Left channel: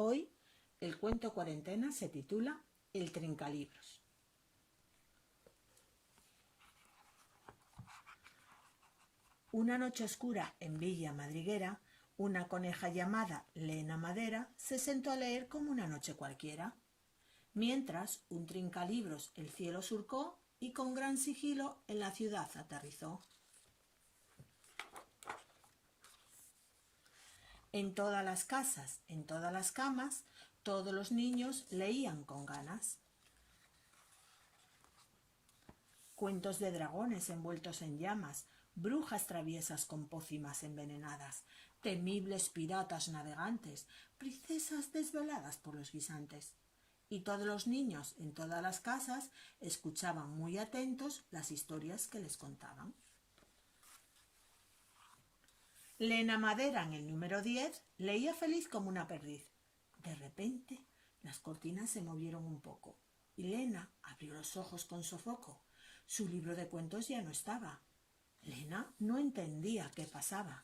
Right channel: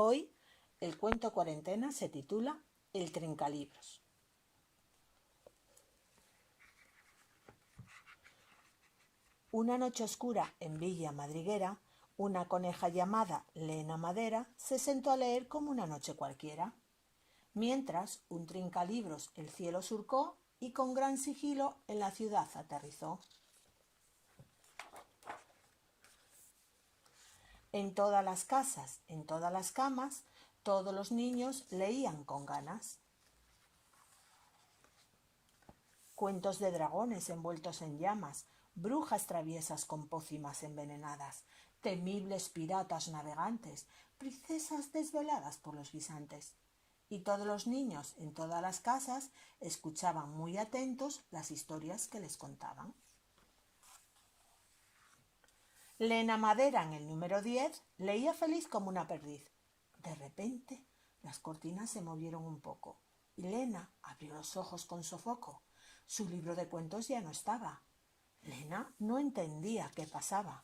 Hoy el cuento cuarentena se titula El Trincalibros. Una noche oscura en Villa Madriguera, una coneja llamada Lena Madera se sentó a leer como una noche cualquiera, mientras un trincalibros el cielo surcó y con gran sigilo en la ciudad aterrizó. En todas las casas, en todas las camas, todos los niños leían con ganas. Cuentos de dragones envueltos en llamas, brujas traviesas con pócimas envenenadas, temibles piratas navegantes, princesas desveladas por los guisantes. Y todos los niños en todas las casas escuchaban muy atentos las historias que les contaban. Lena Madera, en el número 10, leía feliz como una perdiz. De repente, las cortinas se movieron un poco y Lena abrió los ojos con sofoco. Su libro de cuentos ya no estaba. Lena no entendía qué pasaba.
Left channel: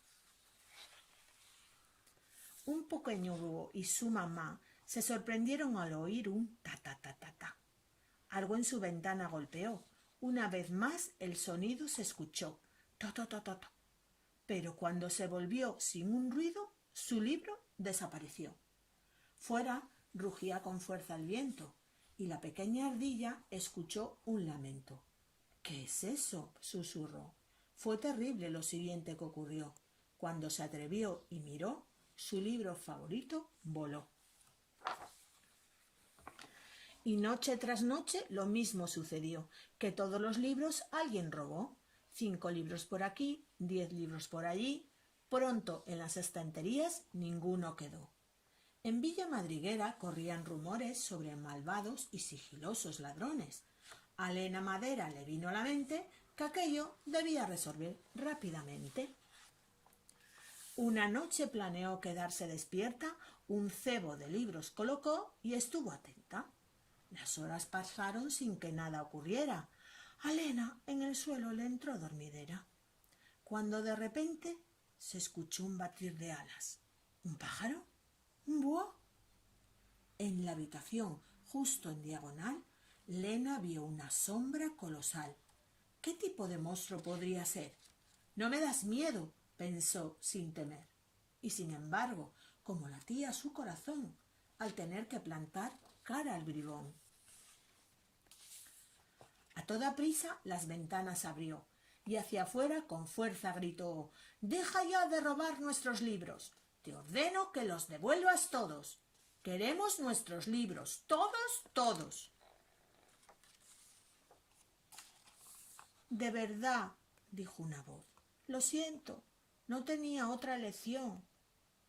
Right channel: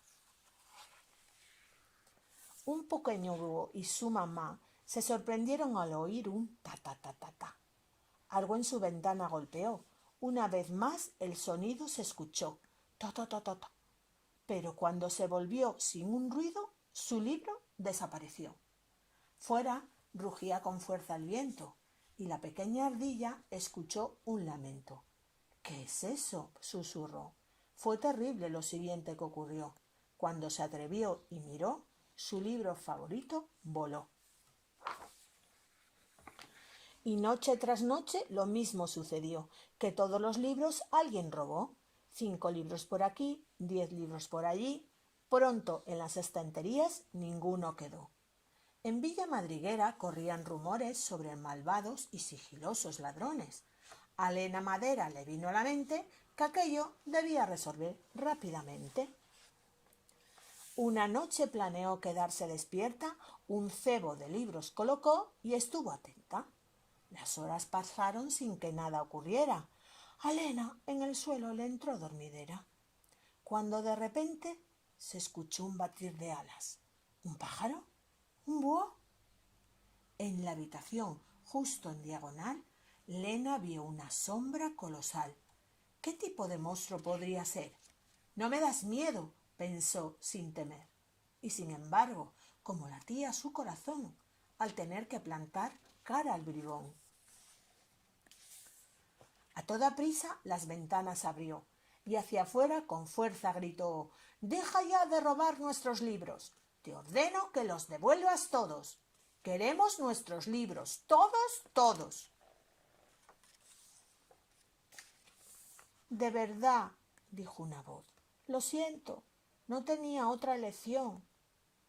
Un pequeño búho y su mamá se sorprendieron al oír un ta-ta-ta-ta-ta. Algo en su ventana golpeó. Una vez más el sonido se escuchó. Ta-ta-ta-ta-ta. Pero cuando se volvió sin un ruido, su libro desapareció. Fuera rugía con fuerza el viento y la pequeña ardilla escuchó un lamento. —¿Qué es eso? —susurró. Fue terrible lo siguiente que ocurrió. Cuando se atrevió y miró, su libro favorito voló. Y noche tras noche lo mismo sucedió, que todos los libros alguien robó. 5 libros por aquí, 10 libros por allí. Pronto en las estanterías ninguno quedó. En Villa Madriguera corrían rumores sobre malvados y sigilosos ladrones. A Lena Madera le vino a la mente que aquello debía resolver rápidamente. Una noche planeó quedarse despierta, un cebo de libros colocó y estuvo atenta. Las horas pasaron sin que nada ocurriera. A Lena en el suelo le entró dormidera, cuando de repente se escuchó un batir de alas. ¿Un pájaro? ¿Un búho? En la habitación, justo en diagonal, Lena vio una sombra colosal. ¿Qué tipo de monstruo podría ser? No me das miedo, pensó sin temer. Y sin embargo, como latía su corazón al tener que plantar cara al bribón. A toda prisa las ventanas abrió y hacia afuera con fuerza gritó: «Deja ya de robar nuestros libros. Te ordeno que los devuelvas todos. Queremos nuestros libros, todos, todos». «De verdad», dijo una voz. «Lo siento, no tenía otra elección».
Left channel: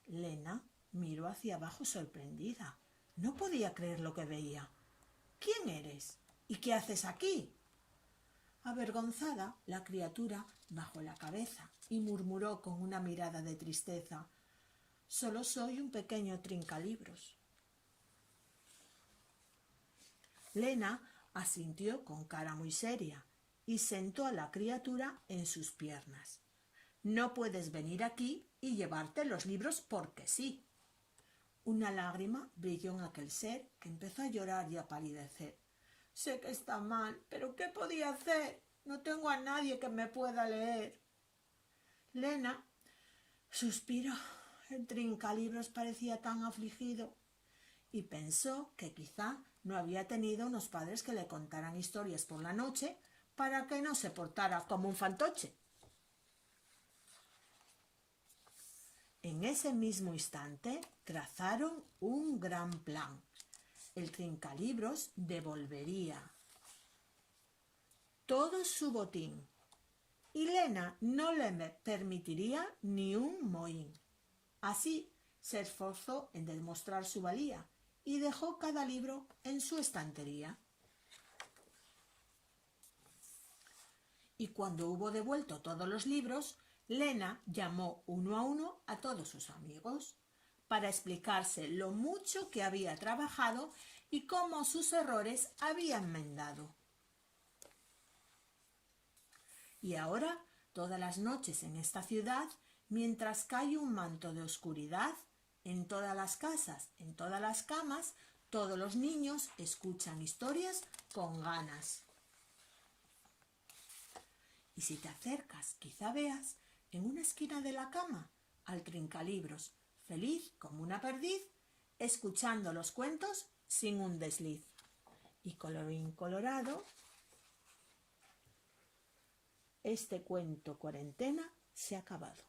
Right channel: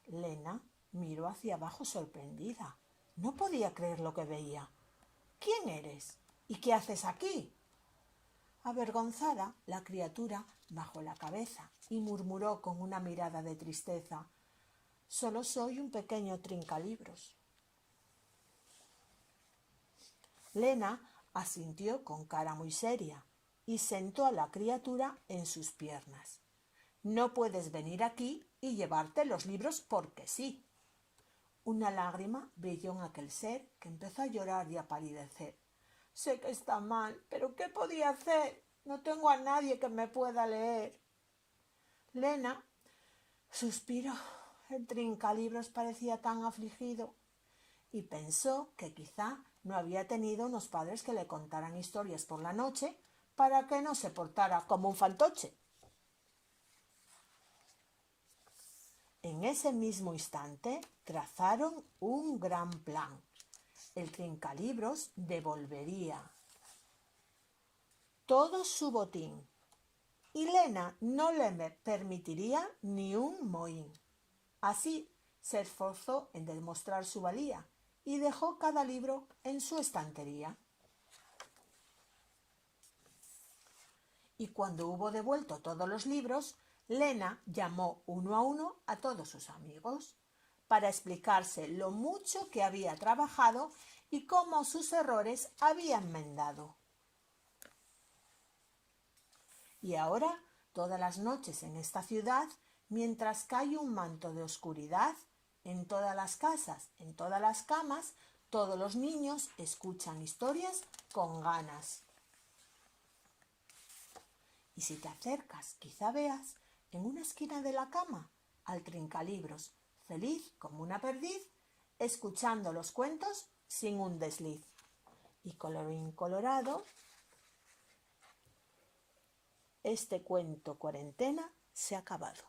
Lena miró hacia abajo sorprendida. No podía creer lo que veía. «¿Quién eres? ¿Y qué haces aquí?». Avergonzada, la criatura bajó la cabeza y murmuró con una mirada de tristeza: «Solo soy un pequeño trincalibros». Lena asintió con cara muy seria y sentó a la criatura en sus piernas. «No puedes venir aquí y llevarte los libros porque sí». Una lágrima brilló en aquel ser, que empezó a llorar y a palidecer. «Sé que está mal, pero ¿qué podía hacer? No tengo a nadie que me pueda leer». Lena suspiró. El trincalibros parecía tan afligido y pensó que quizá no había tenido unos padres que le contaran historias por la noche para que no se portara como un fantoche. En ese mismo instante trazaron un gran plan. El trincalibros devolvería todo su botín y Lena no le permitiría ni un mohín. Así se esforzó en demostrar su valía y dejó cada libro en su estantería. Y cuando hubo devuelto todos los libros, Lena llamó uno a todos sus amigos para explicarse lo mucho que había trabajado y cómo sus errores había enmendado. Y ahora, todas las noches en esta ciudad, mientras cae un manto de oscuridad, En todas las casas, en todas las camas, todos los niños escuchan historias con ganas. Y si te acercas, quizá veas en una esquina de la cama al trincalibros, feliz como una perdiz, escuchando los cuentos sin un desliz. Y colorín colorado, este cuento cuarentena se ha acabado.